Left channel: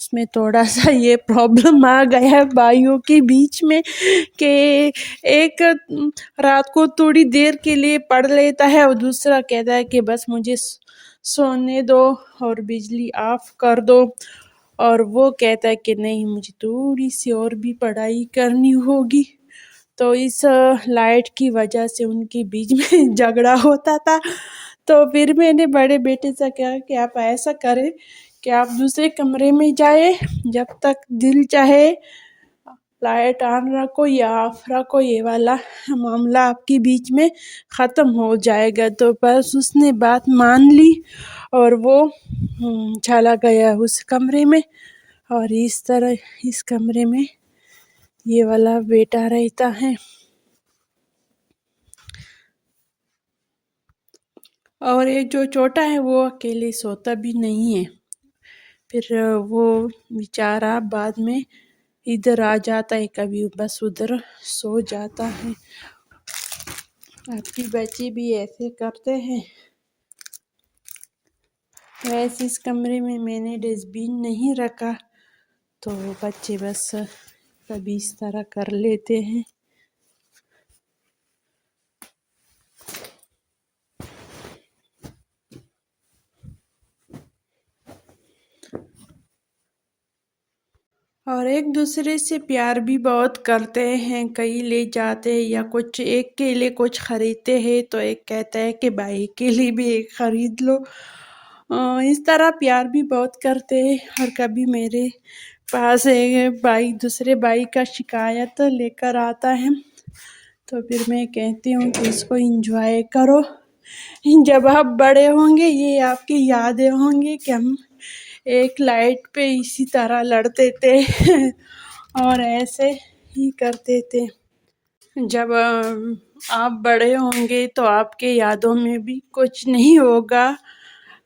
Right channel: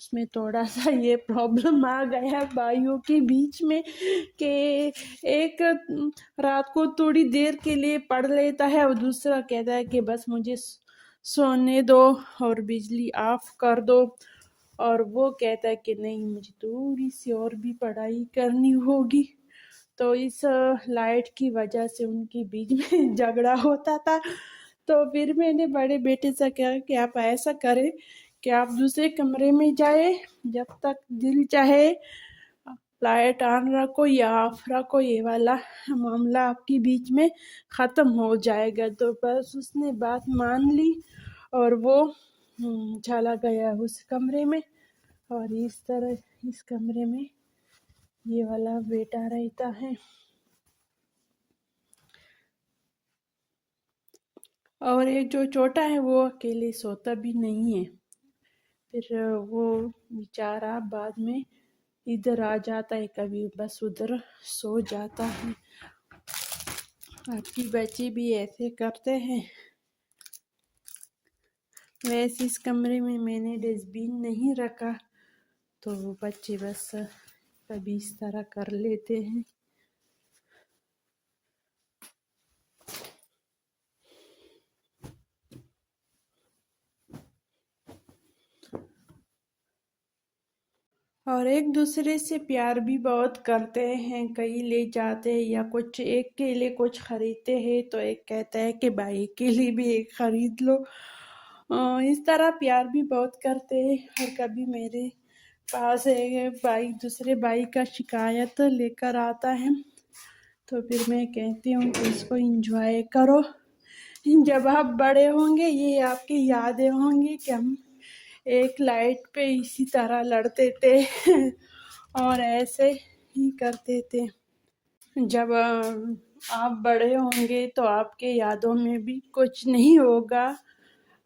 اس میں تھوڑا سا یہ پرابلم آ گیا ہے بھائیوں کے بیچ میں کہ ایک رات کو تھوڑی دیر کے لیے پڑھ لیتا ہے اور دوسرا کہتا ہے کہ بس مجھے سونے دو اور بجلی آف کر دو، اور وہ کہتا ہے کہ نہیں مجھے تھوڑی سی اور بھی پڑھائی کرنی ہوگی۔ تو اس لائٹ کی وجہ سے ان کے بیچ میں جھگڑا ہوتا تھا۔ تو پھر میں نے بڑے بیٹے سے کہا کہ آپ ایسا کریں کہ آپ دوسرے کمرے میں جائیں، جب تک دل چاہے لائٹ آن رکھو یا آف رکھو، یہ والا معاملہ آپ کے بیچ میں ختم ہو جائے گا۔ تو بس اس نے بات مان لی اور وہ چلا گیا اس کمرے میں، اور اس طرح اس کمرے میں یہ والا بیٹا رہتا ہے۔ اور یہ جو چھوٹا ہے وہ اکیلے سوتا بھی نہیں ہے، پھر وہ بیچارہ بعد میں ادھر آ جاتا ہے، کبھی بس ادھر سو جاتا ہے۔ آپ کے بچے بھی ایسے کرتے ہیں؟ ویسے اس کمرے میں نے ڈسٹ بین نہیں رکھا، تو بچے بس کبھی اس طرح کر لیتے ہیں۔ اور ایک دوسرے سے پیار بھی بہت کرتے ہیں، کہیں لے جاتے ہیں یا کچھ ایک کے لیے کچھ خریدتے ہیں تو ایک کہتا ہے کہ بھائی کے لیے بھی ایک خرید لو۔ اس طرح پیار بھی بہت کرتے ہیں۔ اور کبھی میرے پاس ایک بھائی دوسرے بھائی کا شکایت لے کر آتا ہے، تو پھر میں کہتی ہوں کہ اس کو انجوائے کرو، جب آپ بڑے ہوں گے یہ آپ کی یادیں ہوں گی کہ ہم ایک لائٹ پہ اسی طرح لڑتے تھے اور ایسے ہی کرتے تھے۔ جب آپ بڑے ہوں گے تو آپ کے یادوں میں بھی کچھ نہیں ہوگا۔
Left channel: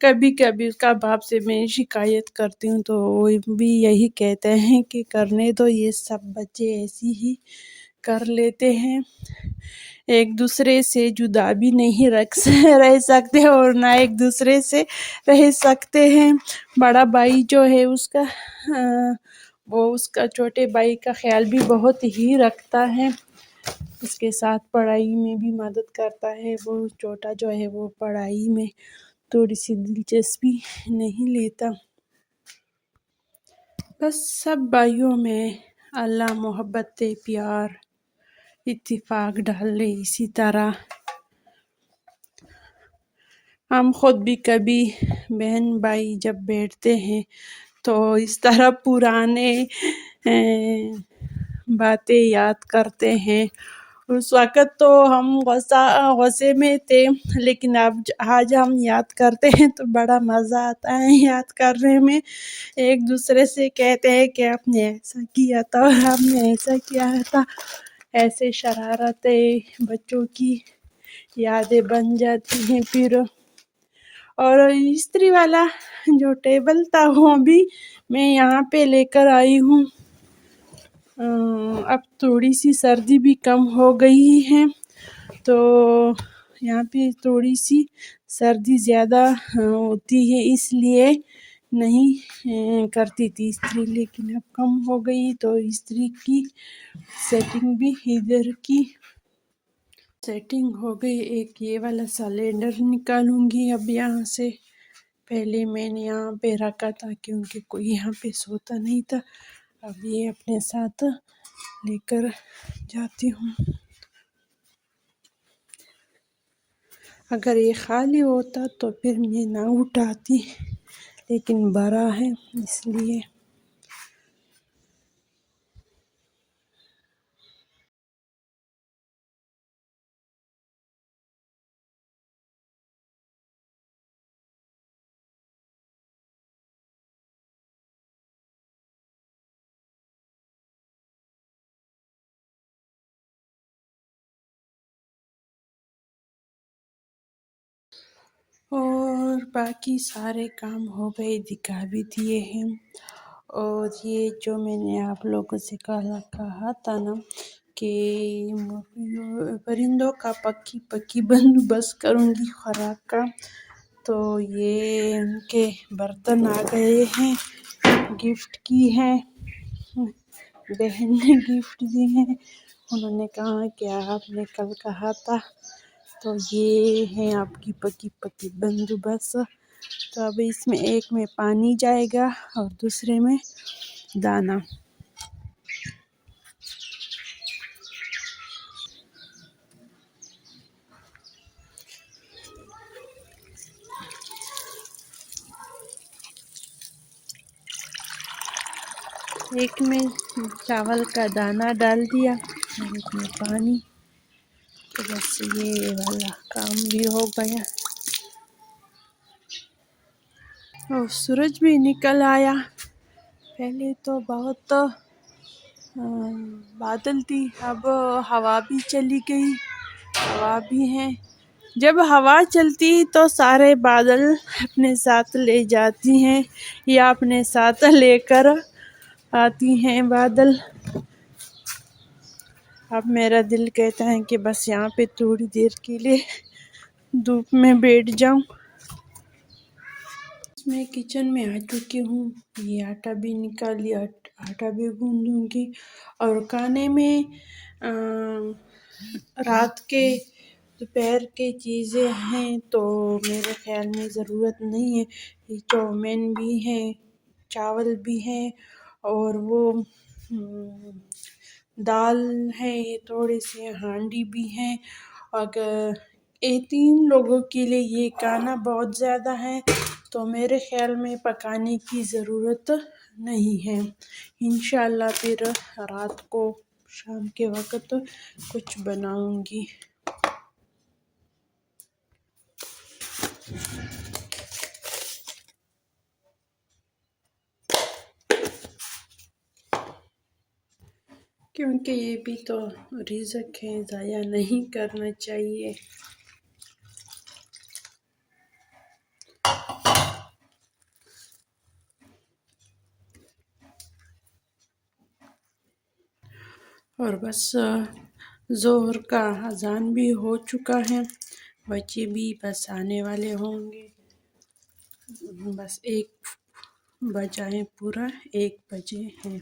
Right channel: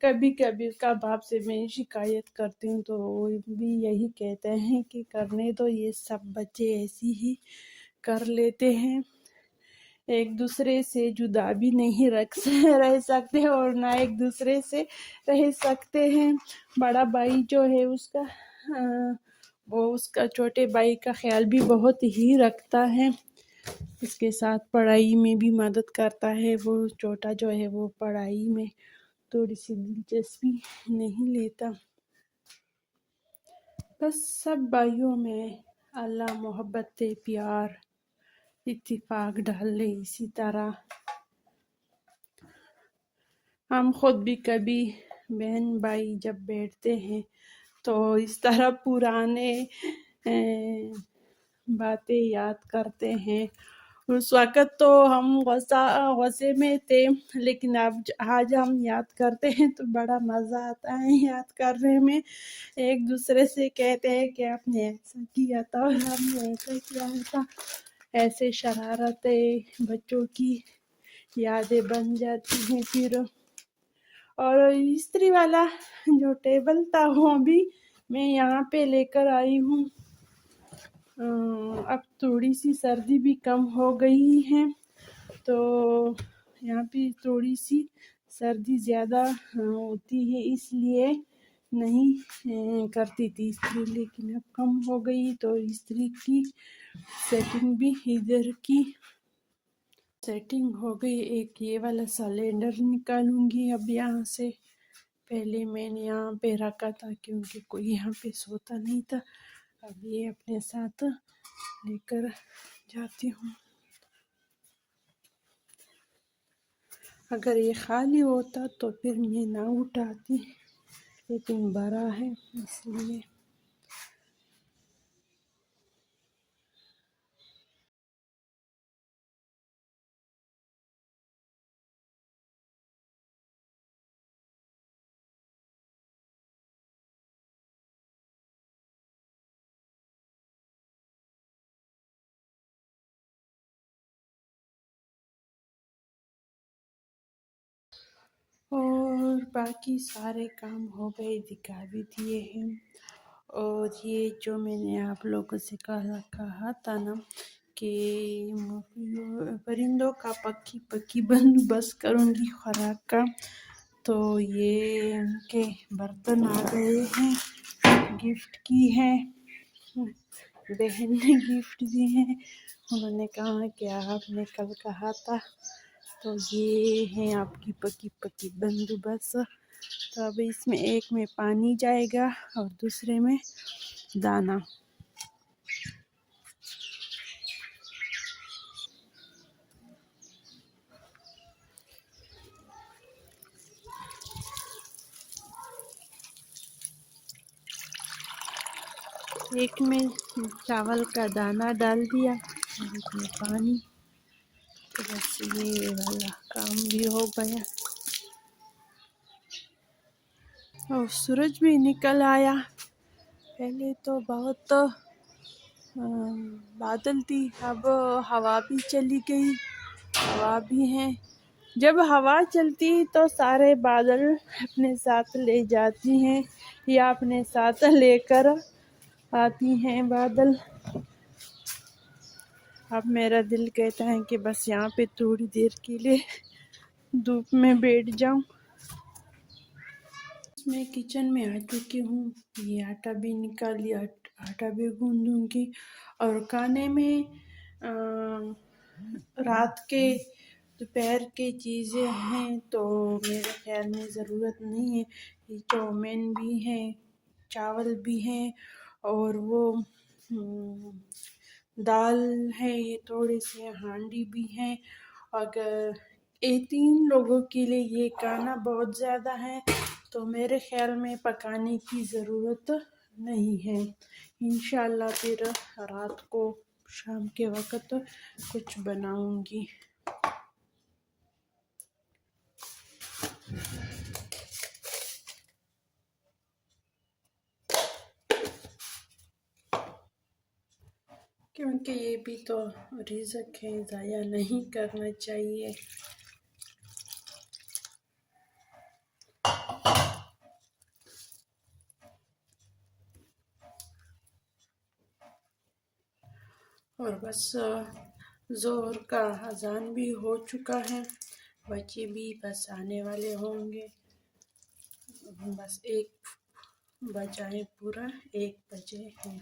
کبھی کبھی اس کا باپ سے میں شکایت کرتی ہوں تو وہ بھی یہی کہتے ہیں کہ کرنے دو، یہ سب بچے ایسی ہی کر لیتے ہیں، ایک دوسرے سے جدا بھی نہیں رہ سکتے اور نہ ایک دوسرے سے رہ سکتے ہیں۔ بڑا بھائی جو ہے وہ اس کا چھوٹے بھائی کا خیال بھی بہت ہی رکھتا ہے، اس کے ساتھ پڑھائی میں بھی مدد کرتا ہے۔ وہ چھوٹا جو ہے وہ پڑھائی میں تھوڑی سی دلچسپی نہیں لیتا۔ بس سب بھائیوں میں اللہ محبت پیار اتفاق ڈال لے، اسی طرح ہم خود بھی کبھی بہن بھائی جب بیٹھتے ہیں تو اس طرح پرانے باتیں یاد کرتے ہیں۔ اس وقت تو ہم غصے میں تھے، لیکن آج ہم یاد کرتے ہیں تو بڑا مزہ آتا ہے یاد کرنے میں۔ ایک دوسرے سے کہتے ہیں کہ آپ نے ایسا کیا تھا اور ہم نے ایسا کیا تھا، ایسے شرارتیں بچوں کی یادیں بن جاتی ہیں پھر۔ اور استری والا جو ٹیبل تھا وہ بھی میں یہاں پہ لے کر آئی ہوں۔ اب تھوڑی سی سردی بھی کم ہو گئی ہے تو یہاں پہ تھوڑی سی سردی زیادہ ہوتی ہے، اس لیے نہیں کرتی تھی استری، لیکن اب کم ہو گئی تو استری کی سیٹنگ بھی ادھر کی سیٹنگ ہو گئی۔ ایک یہ والا سلنڈر نکالوں گی اب یہاں سے، پہلے میں نے یہاں پہ رکھا تھا کیونکہ کوئی یہاں پہ سوتا نہیں تھا، اب یہ اپنے ساتھ لے کر جاتی ہوں۔ اگر یہ خالی ہوتا تو پھر میں نہ اٹھاتی، لیکن بڑا ہے اس لیے۔ اور باقی سارے کام ہو گئے، دکھا بھی دیے ہیں۔ اور یہ جو میں نے آپ لوگوں سے کہا تھا نا کہ پرندوں کا پکی بندوبست کروں گی خوراک کا، تو یہ ان کے برتن آ گئے ہیں، گفٹ کی ہیں، بہن نے گفٹ دی ہیں۔ انہوں نے کہا کہ آپ نے کل کہا تھا، تو یہ ہیں آپ کی پکی پکی بندوبست۔ تو اب اس میں ایک میں پانی جائے گا اور دوسرے میں دانا۔ ایک میں چاول کا دانہ ڈال دیا اور ایک میں پانی، تو بس یہ والا کام بھی ہو گیا۔ اور سورج بھی نکل آیا۔ پہلے تو بہت بادل تھی، اب ہوا بھی چلی گئی، ہوا بھی ہے۔ جب ہوا چلتی تو سارے بادل اپنے ساتھ لے جاتی ہیں یا اپنے ساتھ لے کر آتی ہیں بادل۔ اب میرا دل کہتا ہے کہ بس یہاں پہ تھوڑی دیر کے لیے دھوپ میں بیٹھ جاؤں۔ میں کچن میں آ چکی ہوں، یہ آٹا بھی نکال لیا، آٹا بھی گوندوں گی۔ اور کھانے میں رات کے دوپہر کے چیزیں ہیں تو میرے خیال میں ضرورت نہیں ہے۔ یہ چاؤمین بھی ہے، چاول بھی ہے، اور وہ دال ہے، یہ تھوڑے سے ہانڈی بھی ہے۔ اگر یہ 3 لوگوں کے لیے یہ کھانا بہت زیادہ ہے تو میرے خیال میں پکانے کی ضرورت نہیں ہے۔ انشاءاللہ پھر رات کو شام کے وقت کچھ بناؤں گی۔ کیونکہ یہ بھی تو رزق ہے، ضائع نہیں کرنا چاہیے۔ اور بس ظہر کا اذان بھی ہو چکا ہے، بچے بھی بس آنے والے ہوں گے۔ بس 1 بجا ہے، پورا 1 بجے ہیں۔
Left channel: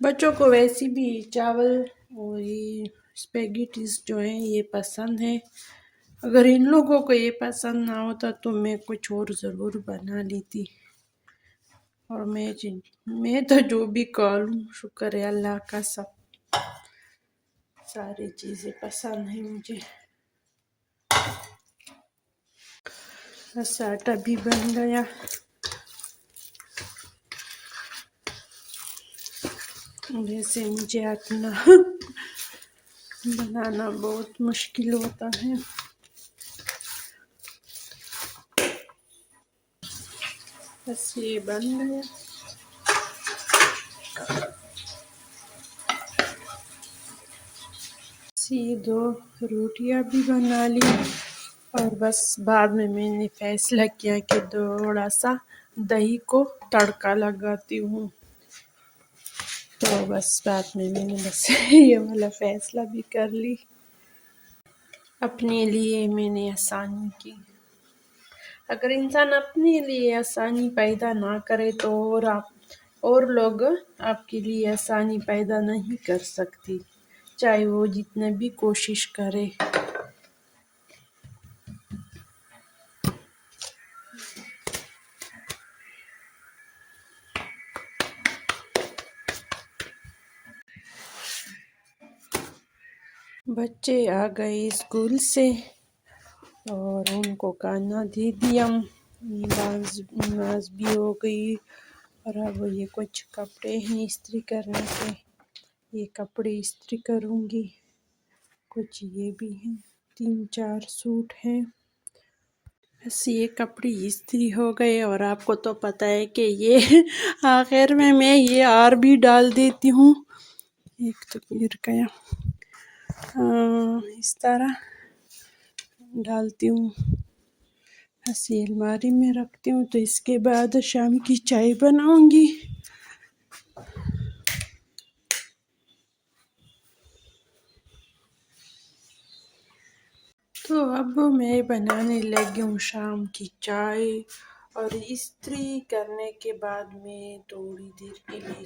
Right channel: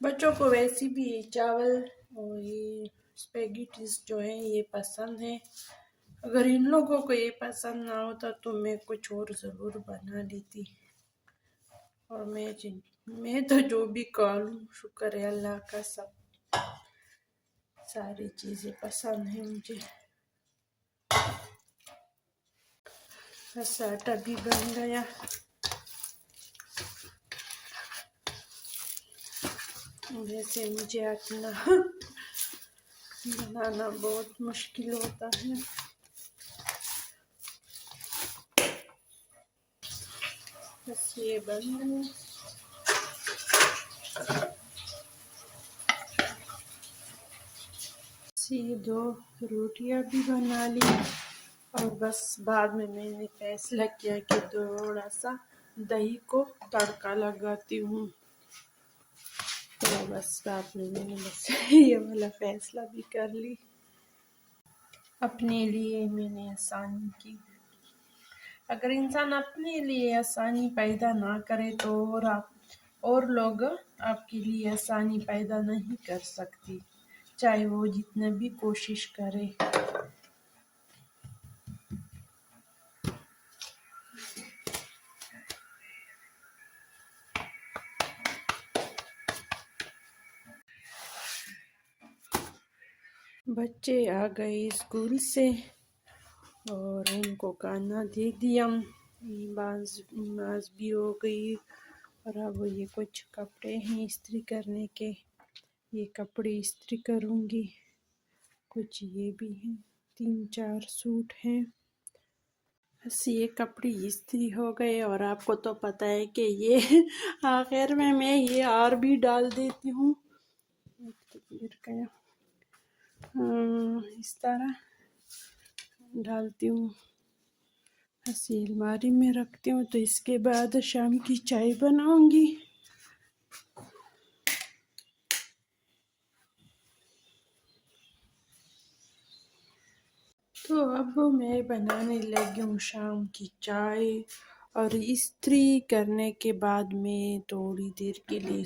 بچوں کو ویسے بھی چاول اور یہ اسپیگیٹیز جو ہیں یہ پسند ہے۔ اگر ان لوگوں کو یہ پسند نہ ہوتا تو میں کچھ اور ضرور بنا لیتی۔ اور میں تو جو بھی کھا لوں، شکر ہے اللہ کا، ساری چیزیں پسند ہیں مجھے۔ بس آٹا بھی بن گیا۔ ویسے مجھے آٹا بنانا بہت مشکل ہوتا ہے۔ بس یہ بن گیا۔ یہ 2 روٹیاں بھی بنا لی، اور بس بعد میں نے فیصلہ کیا کہ تھوڑا سا دہی کو تڑکا لگاتی ہوں۔ تو بس بعد میں نے بس یہ والا فیصلہ بھی کر لی۔ اپنے لیے میں نے آسانی کی۔ اگر انسان اپنے لیے آسانی پیدا نہ کرے تو اور لوگ آپ کے لیے آسانی پیدا نہیں کر سکتی، چاہے وہ جتنا بھی کوشش کرے۔ بچے آ گئے اسکول سے اور ان کو کھانا دے دیا، نماز بھی ہو گئی، اور اب یہ کچھ کپڑے ہیں استری کرنے کے، یہ کپڑے استری کروں گی۔ کچھ یہ بھی ہیں، 3-4 سوٹ ہیں۔ بس یہ کپڑے استری ہو گئے، اور آپ کو تو پتہ ہے کہ یہ آخر میں یہ اور بھی ڈال دیتی ہوں۔ ایک تو گر گیا، اس طرح ڈالتی ہوں۔ بس یہ الماری میں رکھتی ہوں، تو اس کے بعد شام کی چائے بناؤں گی۔ تو اب میں بنانے لگی ہوں شام کی چائے، اور استری کرنے کے بعد میں تھوڑی دیر کے لیے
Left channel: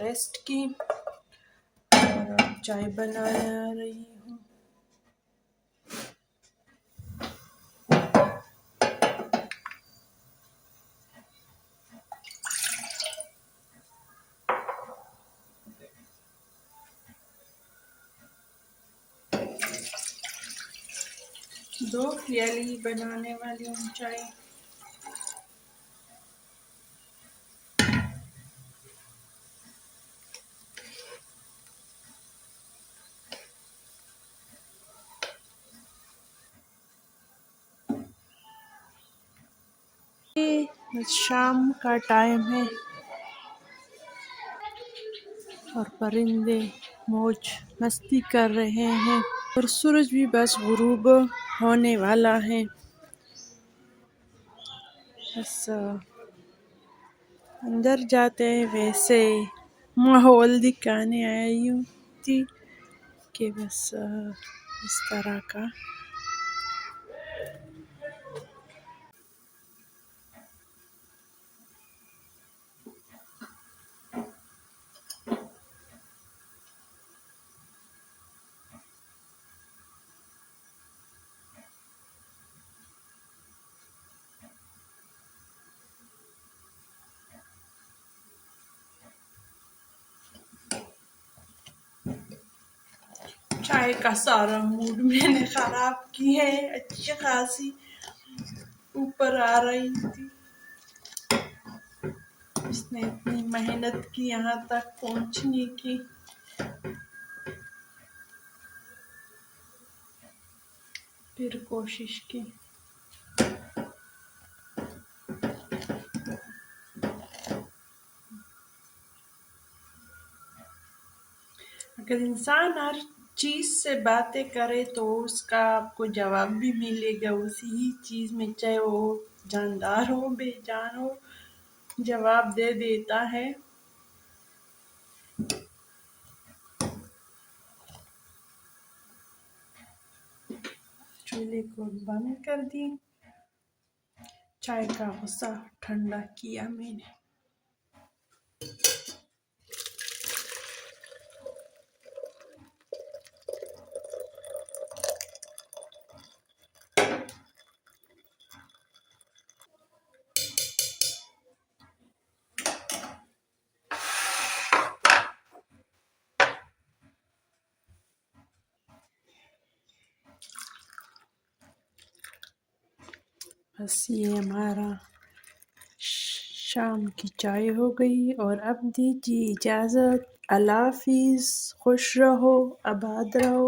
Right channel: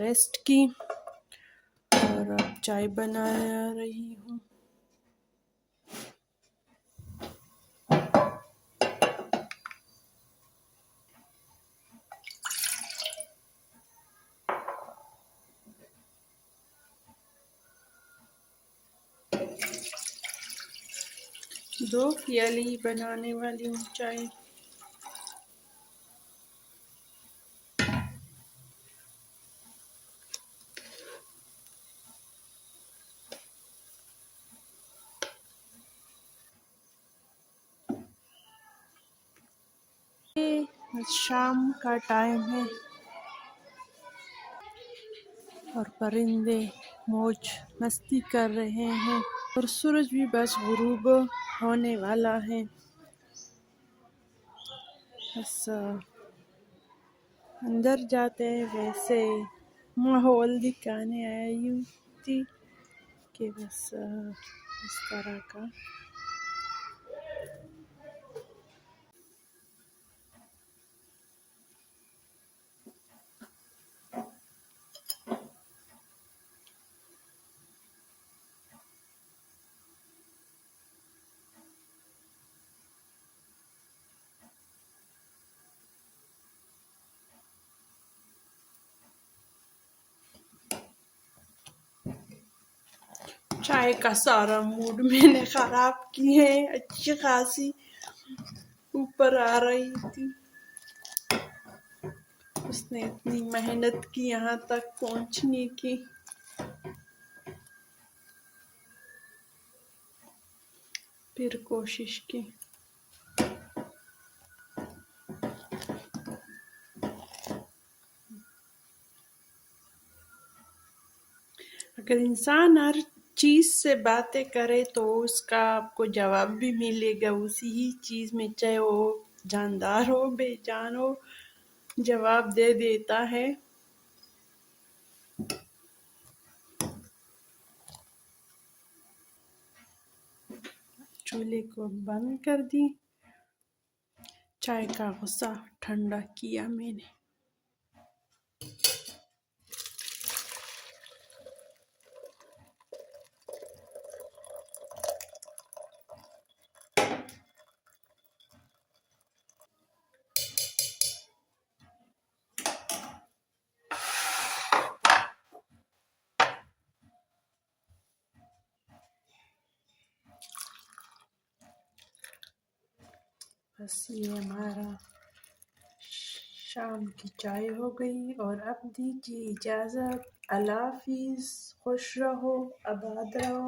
ریسٹ کی، اور اب چائے بنا رہی ہوں۔ دو پیالی بنانے والی ہوں چائے۔ شام کا ٹائم ہے اور پرندے موج مستی کر رہے ہیں، اور سورج بھی بس غروب ہونے والا ہے۔ بس اندر جاتے ویسے ماحول دکھانے آئی ہوں تھی کہ بس اس طرح کا۔ چائے کا سارا موڈ میں نے خراب کی ہے، اچھی خاصی اوپر آ رہی تھی۔ اس نے اتنی محنت کی یہاں تک پہنچنے کی، پھر کوشش کی۔ اگر انسان ہر چیز سے باتیں کرے تو اس کا آپ کو جواب بھی ملے گا اسی ہی چیز میں، چاہے وہ جاندار ہو بے جان ہو، جواب دے دیتا ہے۔ چولہے کو بند کر دی، چائے کا غصہ ٹھنڈا کیا میں نے۔ بس یہ ہمارا شام کی چائے ہو گئی، اور اب دیجیے اجازت۔ اللہ حافظ، خوش رہو، آباد رہو۔